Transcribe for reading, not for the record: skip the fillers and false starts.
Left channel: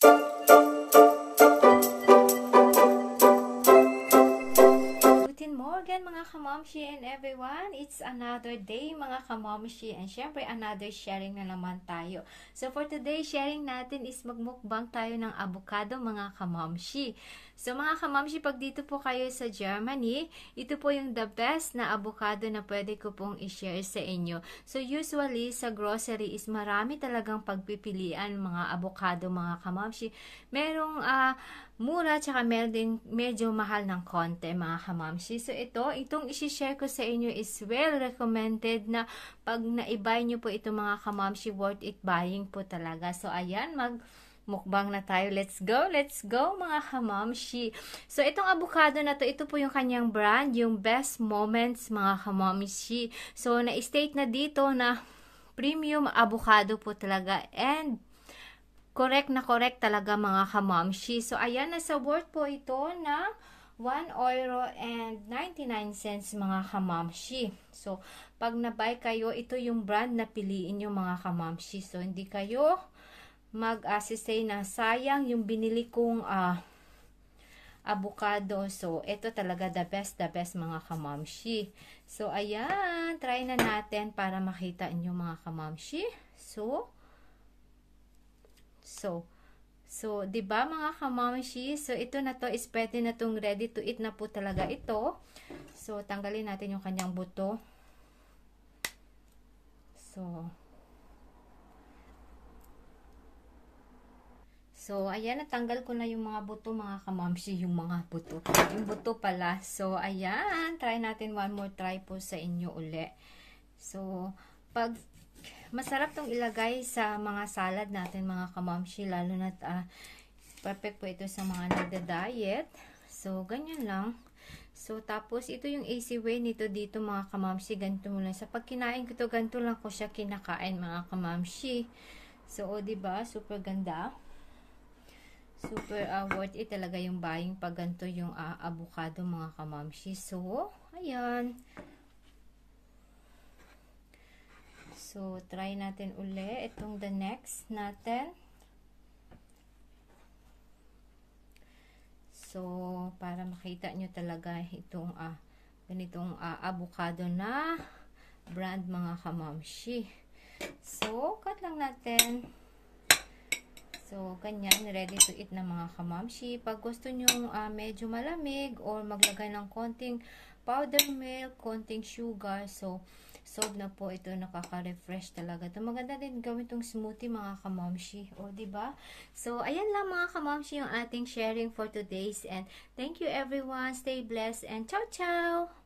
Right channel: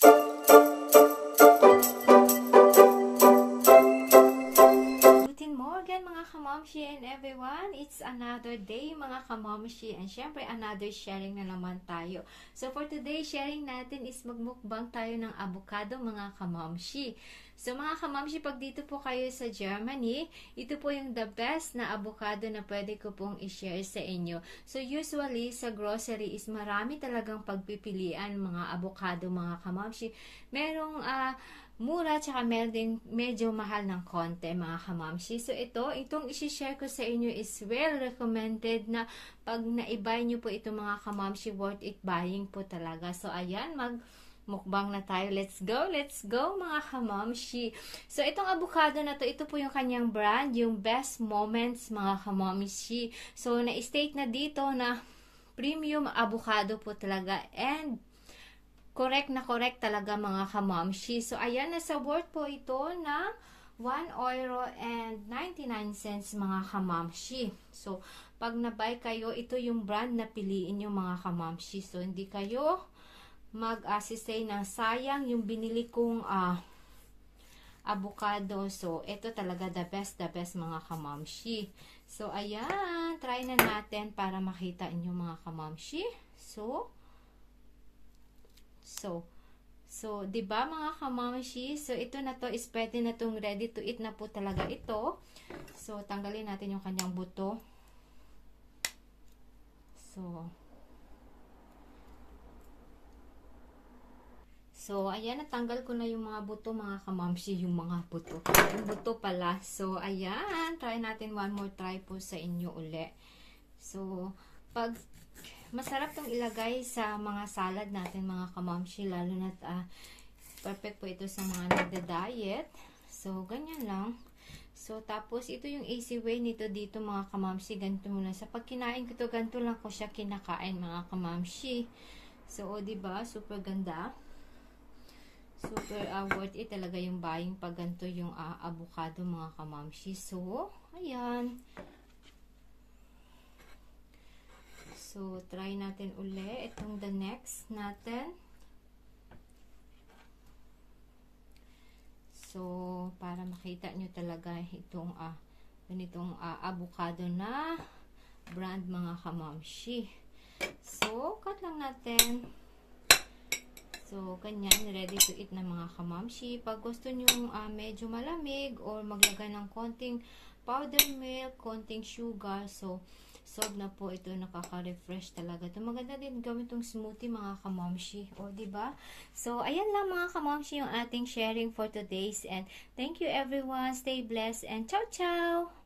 Guten Morgen mga kamamshi and everyone. It's another day mga kamamshi and syempre another sharing na naman tayo. So for today, sharing natin is magmukbang tayo ng avocado mga kamamshi. So mga kamamshi, pag dito po kayo sa Germany, ito po yung the best na avocado na pwede ko pong i-share sa inyo. So usually sa grocery is marami talagang pagpipilian mga avocado mga kamamshi. Merong mura, tsaka meron din medyo mahal ng konti mga kamamshi. So itong isi-share ko sa inyo is well recommended na pag na-buy nyo po ito mga kamamshi, worth it buying po talaga. So ayan, mukbang na tayo. Let's go mga kamamshi. So itong avocado na to, ito po yung kanyang brand, yung Best Moments mga kamamshi. So na-state na dito na premium avocado po talaga and correct talaga mga kamamshi. So ayan, nasa worth po ito na €1.99 mga kamamshi. So pag na-buy kayo, ito yung brand na piliin nyo mga kamamshi. So hindi kayo mag-say na sayang yung binili kong avocado. So ito talaga the best mga kamamshi. So ayan, try na natin para makita inyo mga kamamshi. So, 'di ba mga kamamshi? So, ito na to is pwede na tong ready to eat na po talaga ito. So, tanggalin natin yung kanyang buto. So, ayan, natanggal ko na yung mga buto mga kamamshi, yung mga buto. Yung buto pala. So, ayan, try natin one more try po sa inyo uli. So, masarap tong ilagay sa mga salad natin mga kamamshi, lalo na perfect po ito sa mga nagda-diet. So, ganyan lang. So, tapos ito yung easy way nito dito mga kamamshi, ganito mo lang. Sa pagkinain ko to, ganito lang ko siya kinakain mga kamamshi. So, diba? Super ganda. Super worth it talaga yung buying pag ganito yung avocado mga kamamshi. So, ayan. So, try natin uli. Itong the next natin. So, para makita nyo talaga itong ganitong avocado na brand mga kamamshi. So, cut lang natin. So, ganyan. Ready to eat na mga kamamshi. Pag gusto nyo medyo malamig or maglagay ng konting powder milk, konting sugar. So, solve na po ito, nakaka-refresh talaga. Ito maganda din gawin itong smoothie mga kamamshi. O, diba? So, ayan lang mga kamamshi yung ating sharing for today's. And thank you everyone. Stay blessed and ciao ciao!